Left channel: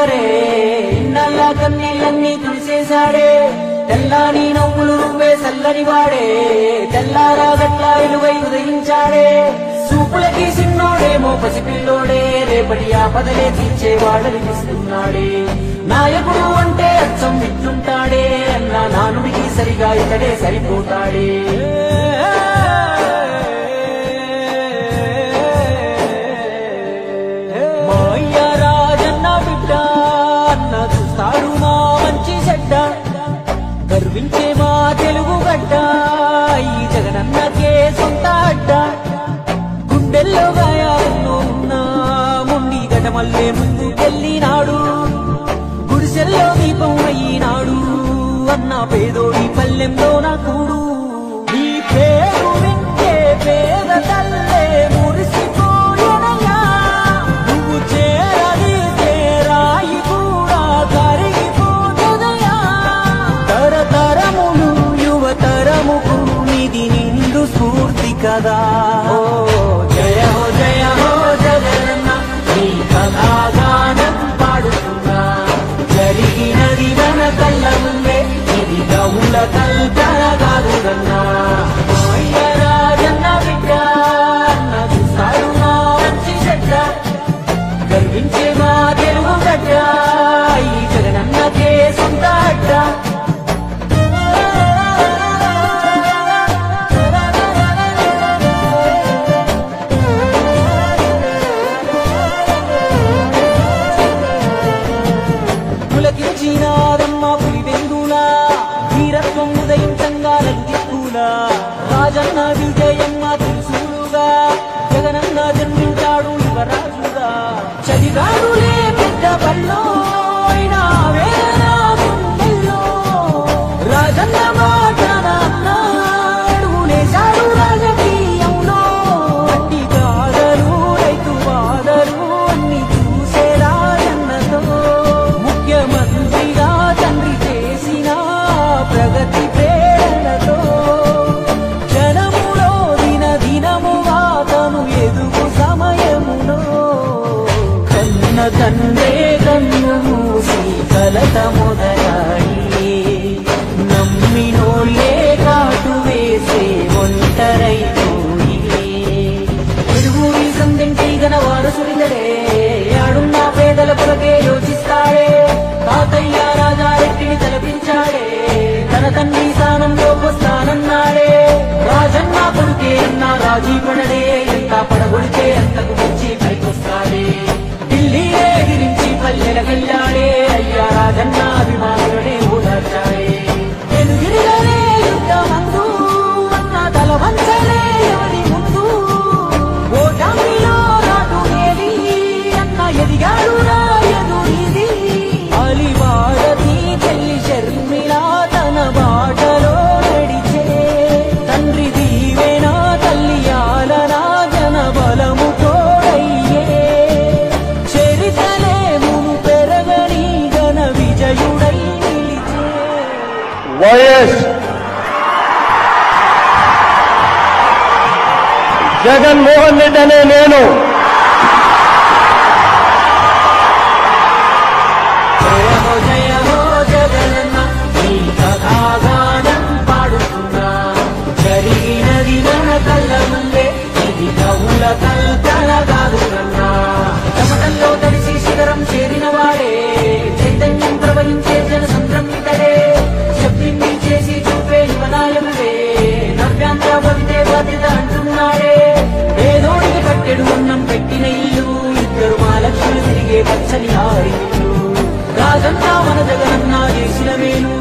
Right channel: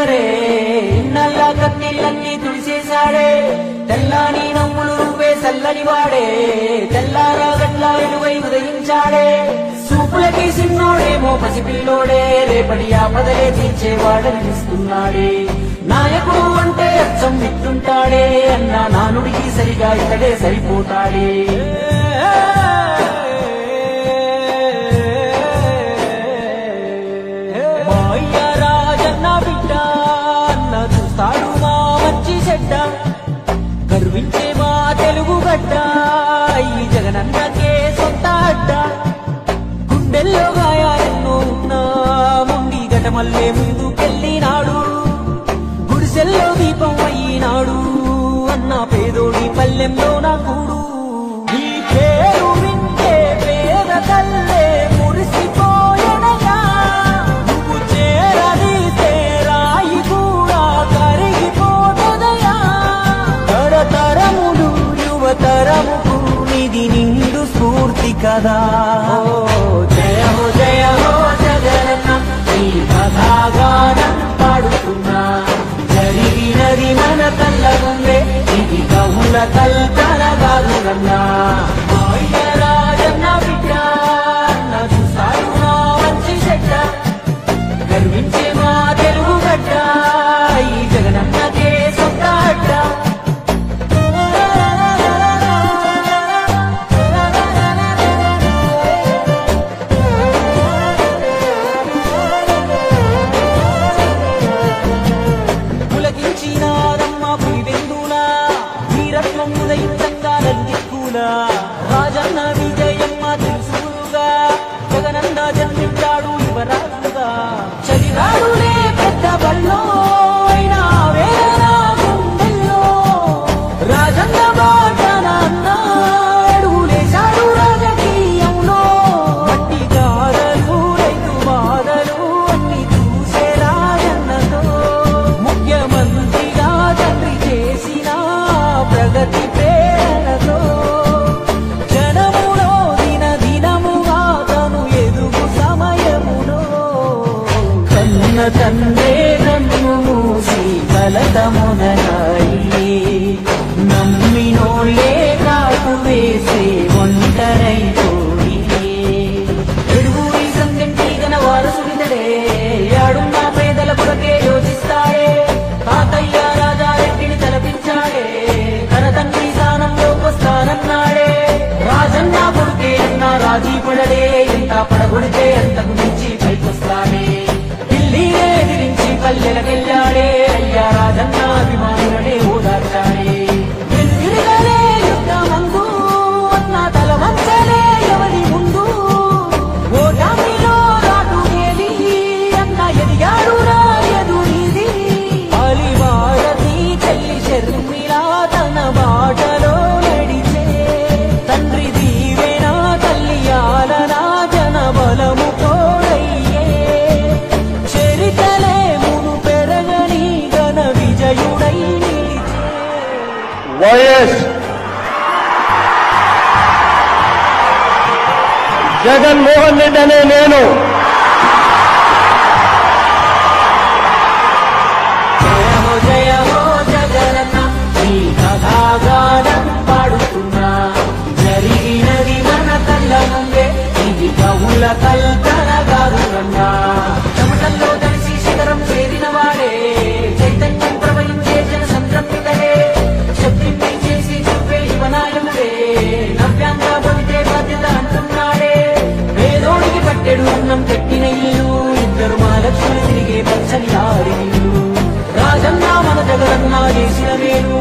పొగరే ఇన్నల్లా కన్నీళ్ళన్నీ తుడిసేశాడే తెల్లాని నవ్వులు నువ్వే చల్లని వాడే తెల్లారాగట్లా వెలుగై ఉదయించాడే చూపులకి సిన్నోడేమో పసిపిల్లోడే రేపటి ఆపదలే తీర్చేవాడనిపిస్తున్నాడే నాయకుడు అంటే అచ్చం విట్టుంటాడే అన్న నానుడికి సరిగా ఇతడే సరిపోతాడే మా అయ్య రాజన్న బిడ్డ అన్న చూస్తాడు మా మంచి చెడ్డ గర్వించే మా తెలుగు గడ్డ ఈ జగనన్నకే సొంత అడ్డ గుండెల్లో గాయాలెన్నో ఉన్నా ముండి గటమల్లే ముందుకెళ్ళినాడు గుడిసెల్లో దీపం అయ్యినాడు అన్న పేదోడి పల్లెంలో నా కూడు నీ పేరు వింటే పేద తల్లే మురిసిపోయనయ్యా నువ్వు చేరదీస్తే రాయి కూడా కరిగిపోతదయ్యా తరతరములు యువతరముకు నిధి నిండు స్ఫూర్తి కదా ఓ జయ హో జగనన్న నీ కథాగానం పాడుతున్నా జరిగినది మన కళ్ళ ముందే ఇది కవుల కల్పన కాదురన్నా మా అయ్య రాజన్న బిడ్డ అన్న చూస్తాడు నా మంచి చెడ్డ గర్వించే మా తెలుగు గడ్డ ఈ జగనన్నకే సొంత అడ్డ పులకించినారమ్మ పులివెందులా వీరత్వం ఉదయించంగా దిక్కులా రాజన్న విజయమ్మ తెలుసులుగా జగనన్న జన్మించాడు యువరాజుగా చదివాడులే పెద్ద బల్లో అయినా వేదన గుండెల్లో రాజన్న బాటన అన్న అడుగులేశాడు రాజకీయంలో మట్టి గాథలు రైతు బాధలు అన్ని చూసే రాజన్నతో ముఖ్యమంత్రిగా తండ్రి చేసిన ప్రగతి ప్రేరణతో జనములో దినదినముగా తను ఎదుగు సమయములో కన్న తండ్రే కన్ను మూసి కలత మొదలాయి నమ్మినోళ్ళే కాటు వేసే ఒంటరైపోయి ఎడుగురి సందెంటి గన వారసుడినడే ఆడున్న పేదల కొరకే యోచిస్తాడే తాతయ్య రాజారెడ్డిని తలపించాడే తన తండ్రి స్థానంలోకొస్తానన్నాడే రాజన్న కొడుకే అన్న రాజీ పడడే ఎంత పడగొడితే అంతకు మించి పైకొస్తాడే ఢిల్లీనే ఎదిరించి పల్లెలకెళ్ళాడే అయ్యా రాజన్న అభిమానులనే ఓదార్చాడే వెలుగిరిగానే యుద్ధమందు అన్న తల వంచలే ఎవరి ముందు ఓటమిలో రాటునేది అన్న ఎదిగాడు రా ఎదురీది అలివారతి చెల్లి షర్మిలా తన బాటలో నడిచే తండ్రి దీవెన తల్లి ఆలనా జన బలము తోడయ్యే చరితలే మును పెరగని ఘన విజయుడై నిలిచే వైఎస్ జగన్మోహన్ రెడ్డి అనే నేను జయ హో జగనన్న ఈ కథాగానం పాడుతున్నా జరిగినది మన కళ్ళ ముందే ఇది కవుల కల్పన కాదురన్నా చెమటల్లో తడిసి శిఖరం చేరిన వాడే చైతన్యం ప్రవహించే జన సంభ్రమితడే చెప్పింది చేసి చూపే యువనాయకుడే నవ్యాంధ్ర భవితే బాధ్యత అంటున్నాడే పేదోడికి పట్టెడు అన్నం పెట్టిన ఇల్లు ఇద్దరు మా లక్ష్ములు తిరిగే పచ్చని ఆరి ఇల్లు రాజన్న మన జగనన్న చేసిన మేలు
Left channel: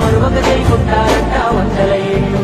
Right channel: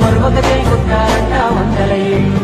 మరొక చేయి కొట్టారంట 100 ఏళ్ళు